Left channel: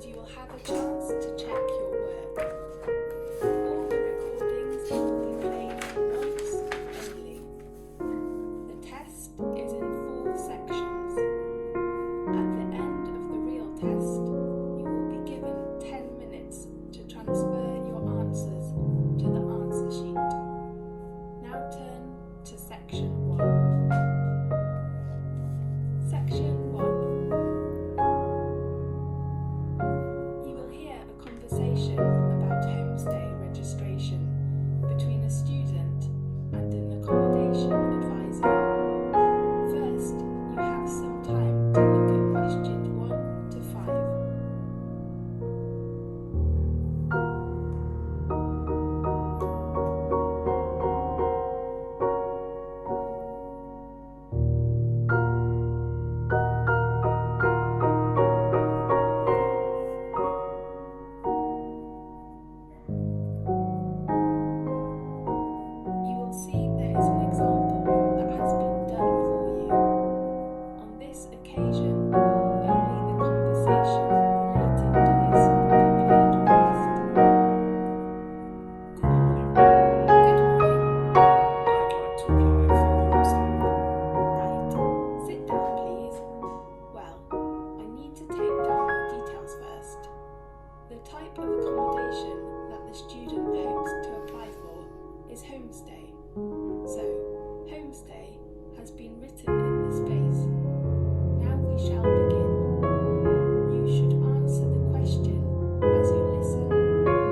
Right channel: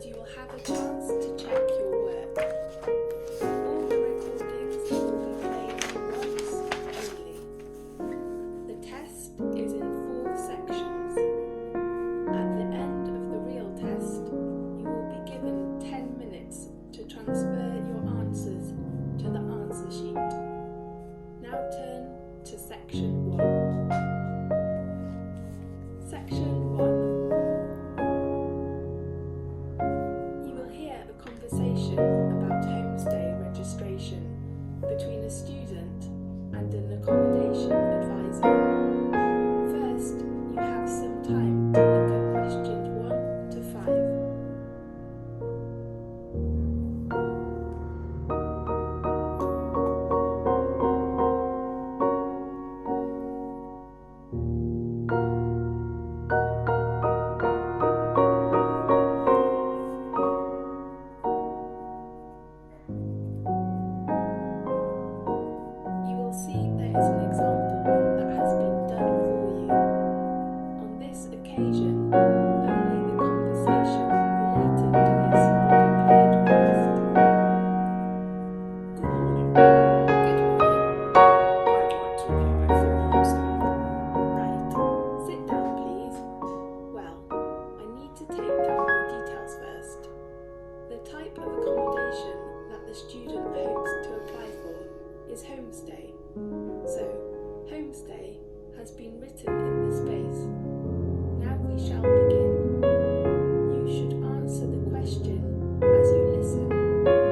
and you will have a chance to check your work. All the recordings will be played once only. The test is in 4 sections. At the end of the real test, you will be given 10 minutes to transfer your answers to the answer sheet. Now turn to section 1. Section 1. You will hear a conversation about homestay registration between a student and an accommodation advisor. First, you have some time to look at questions 1 to 5. You will see there is an example that has been done for you. On this occasion, only the conversation relating to this will be played first. Good morning. Good morning. I'd like to apply for a homestay. Right. Sit down, please. Well, I need to take down your details first. The type of accommodation that the student hopes to apply for is homestay. So, homestay has been written in the space. Now we shall begin. You should answer the question as you listen,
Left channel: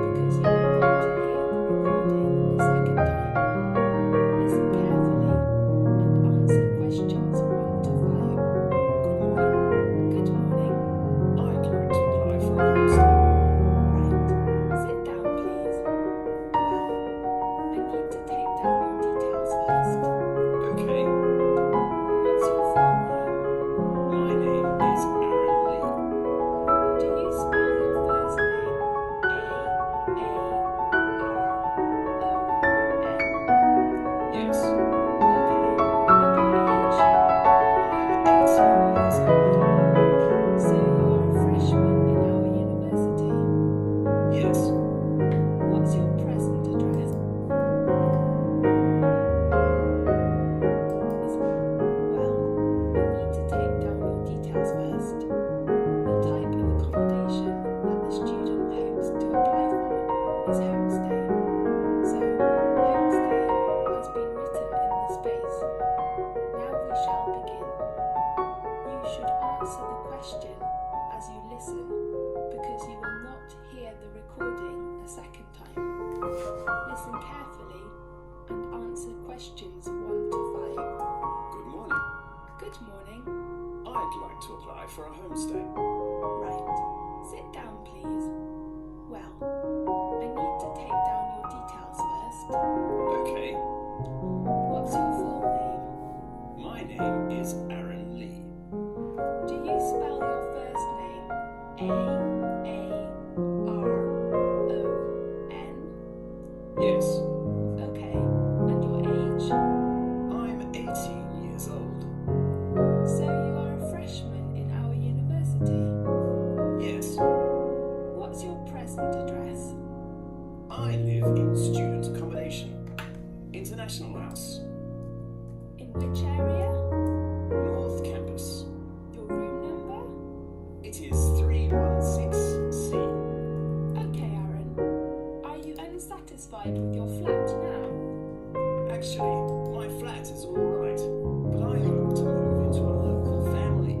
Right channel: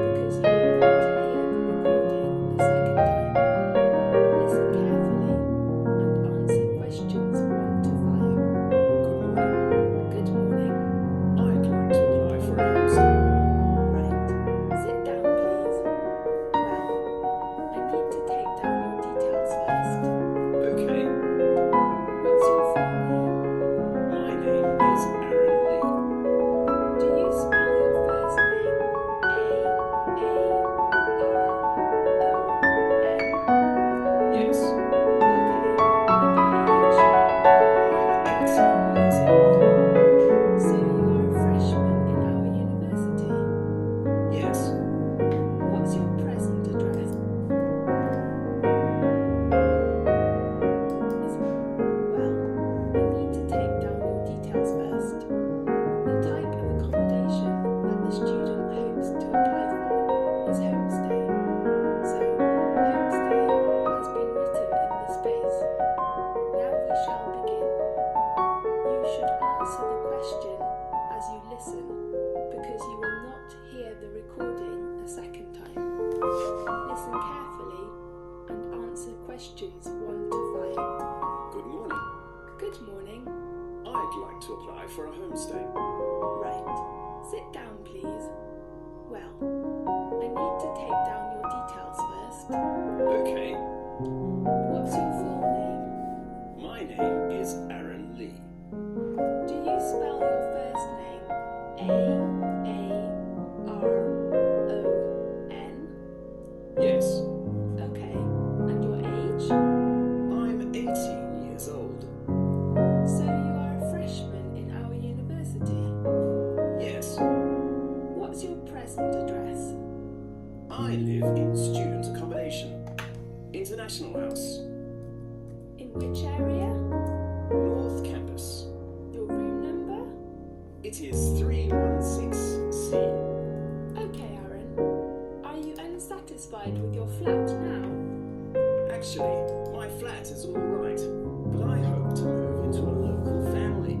because you will not hear the recording a second time. Listen carefully and answer questions 1 to 5. Good morning. Good morning. I'd like to apply for a homestay. Right. Sit down, please. Well, I need to take down your details first. Okay. What's your full name? My name is Aaron Lee. Do you spell your first name A-A-R-O-N? Yes. Okay. And your age? I'm 18 years old. So you are a freshman in our university. Yes. What's your present address? Well, I need to take down your details first. The type of accommodation that the student hopes to apply for is homestay. So, homestay has been written in the space. Now we shall begin. You should answer the question as you listen, because you will not hear the recording a second time. Listen carefully and answer questions 1 to 5. Good morning. Good morning. I'd like to apply for a homestay. Right. Sit down, please. Well, I need to take down your details first. Okay. What's your full name? My name is Aaron Lee. Do you spell your first name A-A-R-O-N? Yes. Okay. And your age? I'm 18 years old. So you are a freshman in our university. Yes. What's your present address? I live in student accommodation. International House. In which area? North Campus. Your room number? It is 316C. Okay, Aaron. Are you unsatisfied with your flat now? Actually, my flat is all right, but I hope to move into a local family,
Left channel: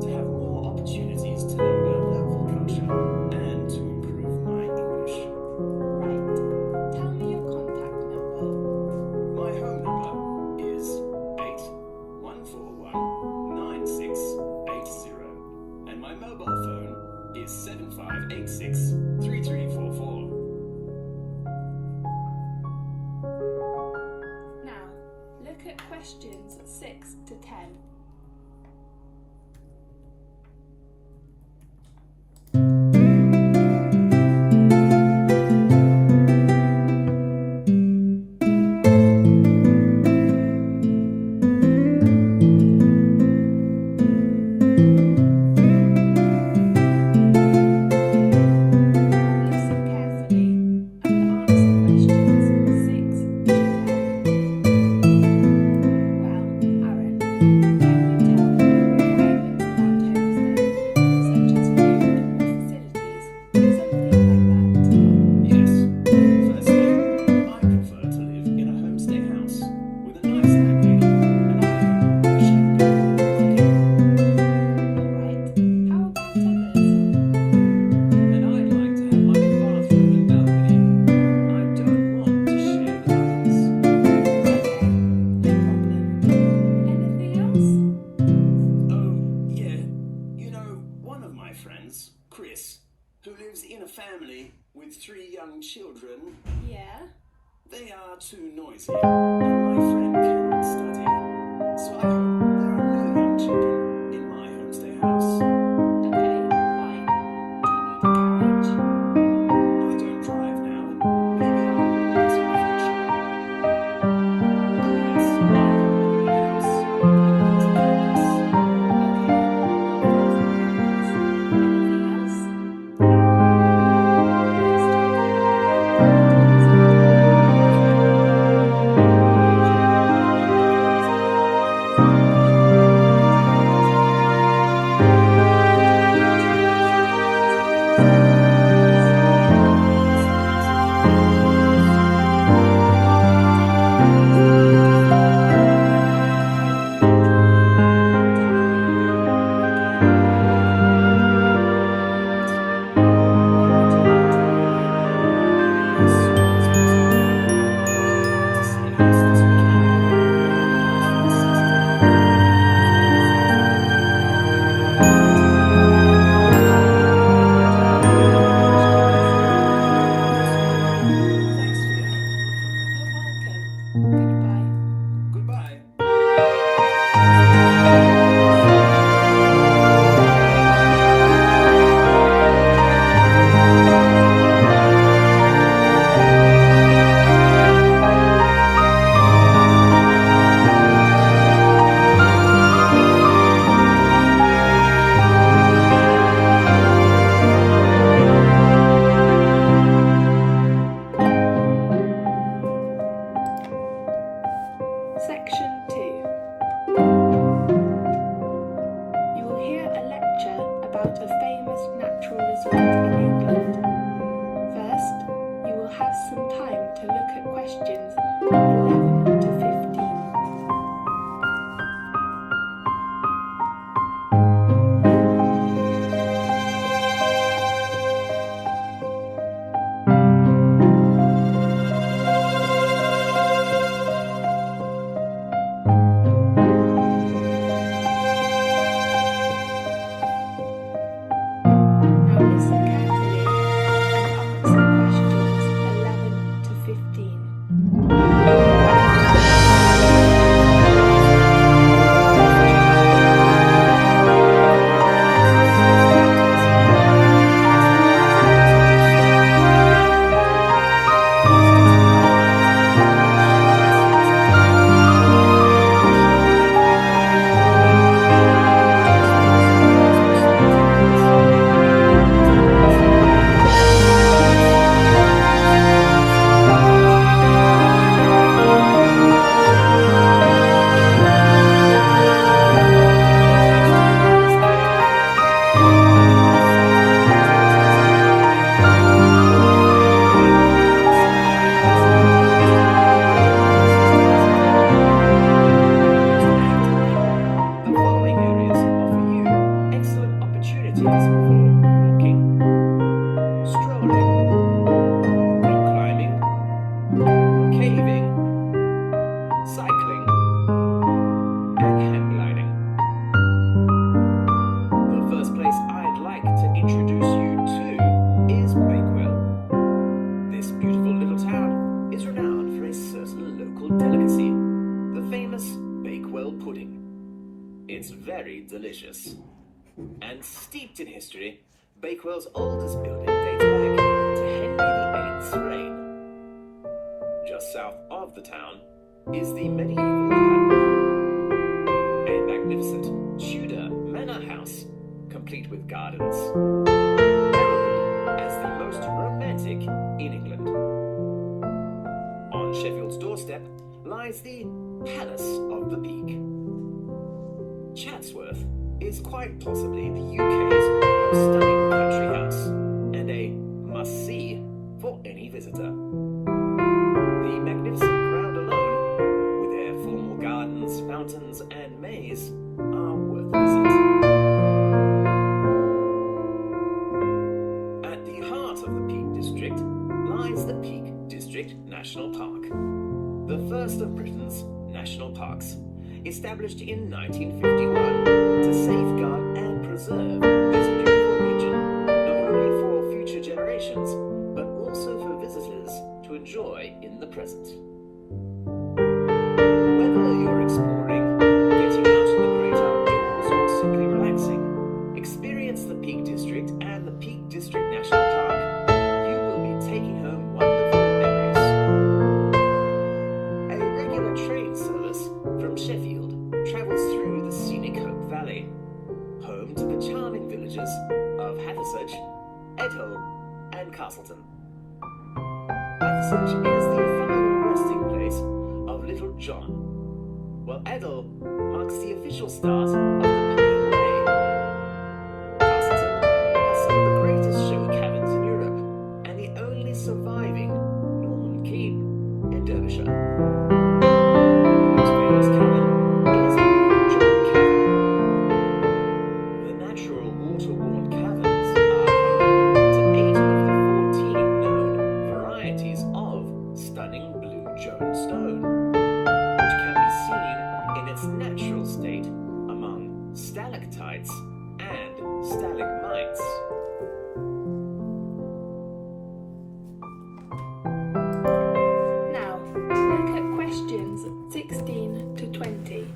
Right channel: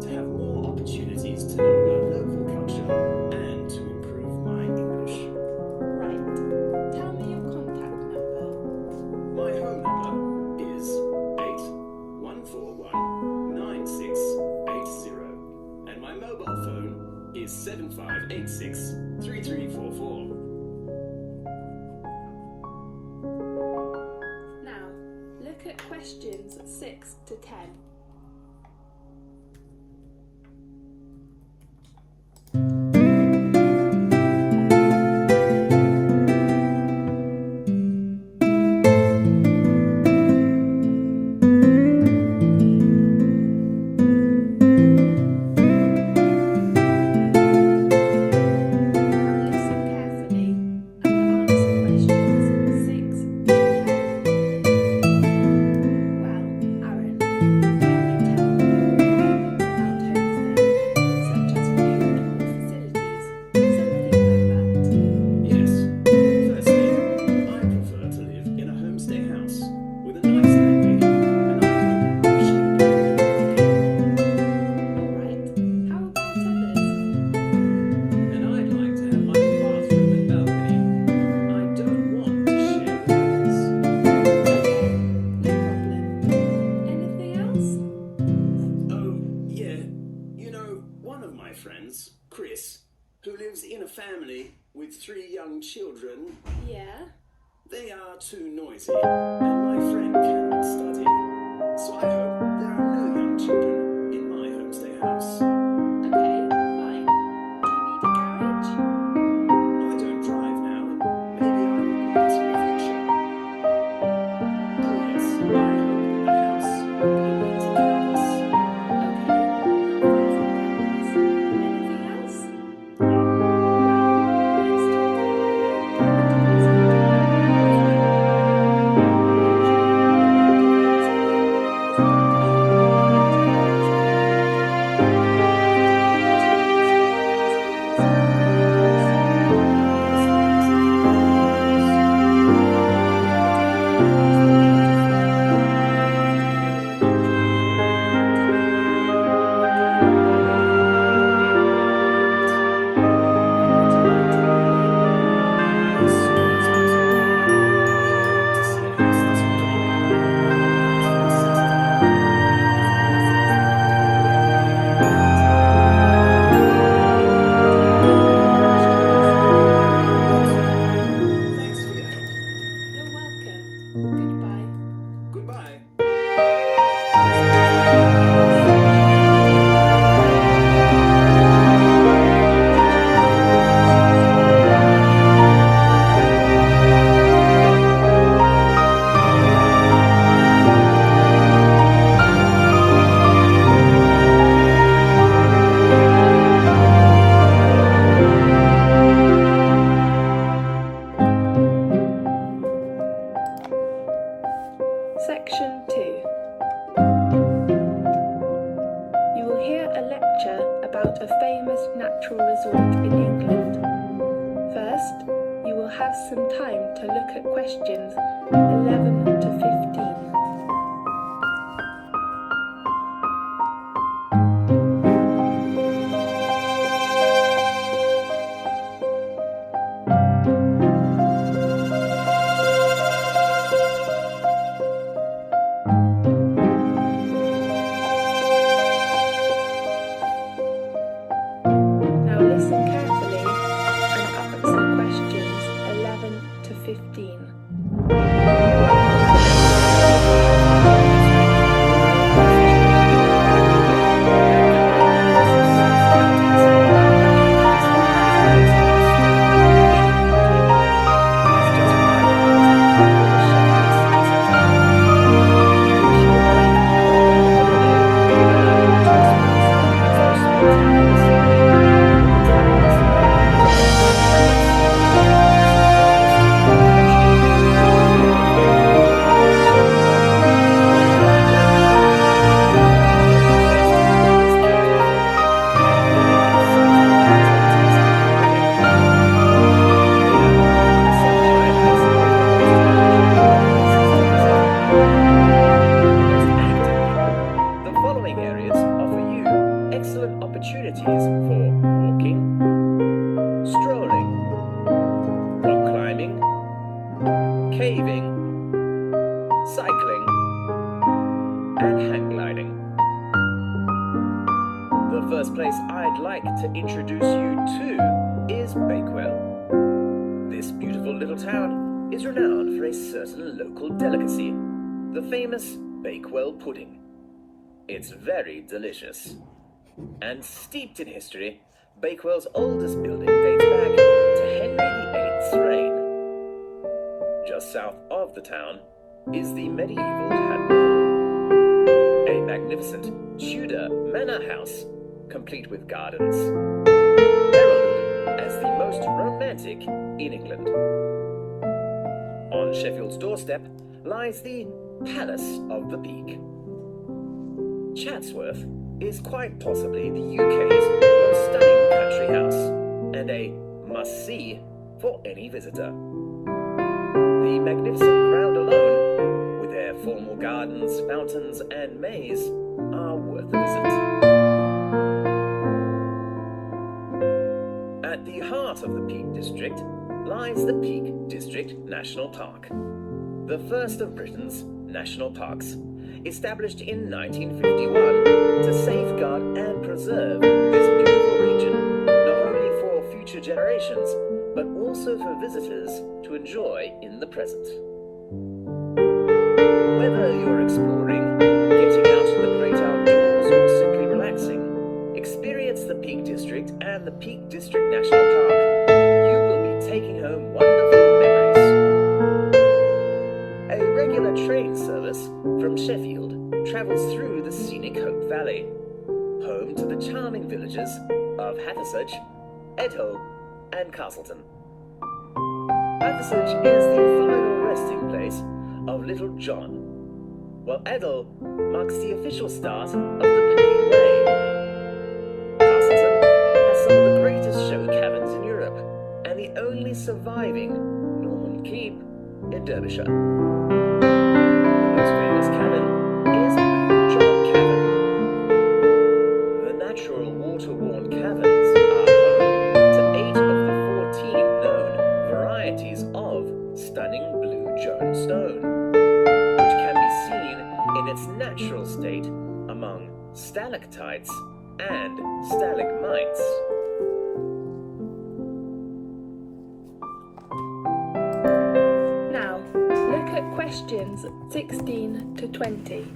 to have more opportunities to know about local culture and to improve my English. Right. Tell me your contact number. My home number is 81419680, and my mobile phone is 75863344. Now, look at questions 6 to 10. friends, Chris, who lives in a family with 3 young children. Yeah? They are too noisy, and my friend cannot study. So I hope there are no young children in my homestay house. Okay, fine. Do you need a garage? I don't drive now, and maybe I will in the future. Oh yes, I hope the house will be multi-purpose. Anything else? Thanks for your help. You're welcome. Goodbye. Goodbye. Section 2. You will hear a lecture about a famous natural resort in England. First, you will have some time to look at questions 11 to 15. Now listen carefully and answer questions 11 to 15. The following areas offer you excellent opportunities for walking, strolling, rock climbing, caving, cycling, and hang gliding. The first place I'd like to introduce you to is Bakewell. This beautiful little town is renowned for a certain local delicacy, the famous Bakewell pudding. It's very delicious. And steeped in history, Bakewell's oldest building dates back to Henry VIII's reign. Just south of the town is the medieval Hành, a magnificent Tudor manor house, complete with gardens, heralded as the most romantic in England. On Sheffield's doorstep lies the Palace of the Peak. Chatsworth is quite possibly the UK's most stunning country house and a must-see for any visitor. The magnificent ground alone, with their formal gardens, fountains and maze, are worth a visit. At the heart of the Peak District lies the Peak District National Park, the first of Britain's national parks, established in 1951 to safeguard and preserve this beautiful region region, not only for future generations, but also for visitors to enjoy in the present. Whether you're exploring, getting out in the great outdoors, or simply relaxing, experience the Peak District and the Peak District National Park. You will be taking home wonderful memories. A regular train service from Sheffield travels through the scenic Hope Valley, home to the charming villages of Hathersage, Edhull and Castleton. Hathersage is the final resting place of Little John, while Edhull marks the official start of the Penny Way. Castleton has some of the greatest show cabins in Europe and the only surviving Norman keep in Derbyshire. The most famous cabin is Blue John Cabin. The natural water-worn caverns are home to 8 of the 14 known varieties of stunning Blue John stone, which can be seen in its natural state among stalactites and stalagmites. Now, look at questions 16 to 20.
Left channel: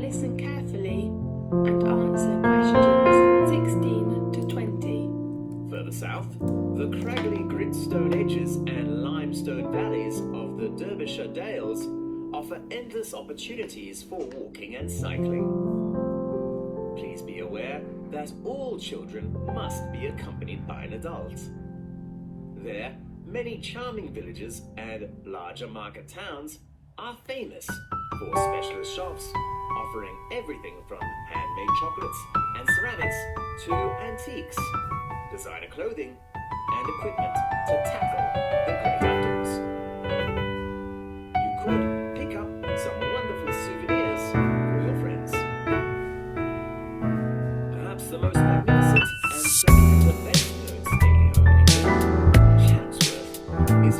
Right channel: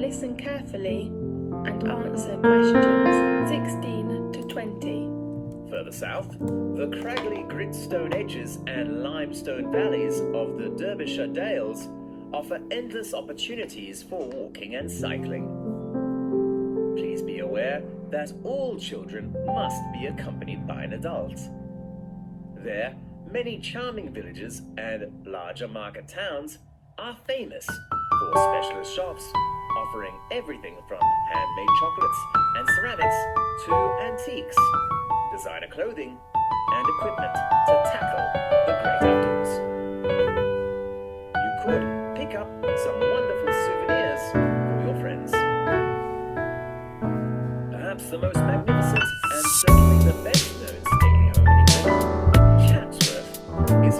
Listen carefully and answer questions 16 to 20. Further south, the craggy gritstone edges and limestone valleys of the Derbyshire Dales offer endless opportunities for walking and cycling. Please be aware that all children must be accompanied by an adult. There, many charming villages and larger market towns are famous for specialist shops offering everything from handmade chocolates and ceramics to antiques, designer clothing, and equipment to tackle the great outdoors. You could pick up some wonderful souvenirs for your friends. Perhaps the most magnificent and certainly the best known skating home in England, Chatsworth, is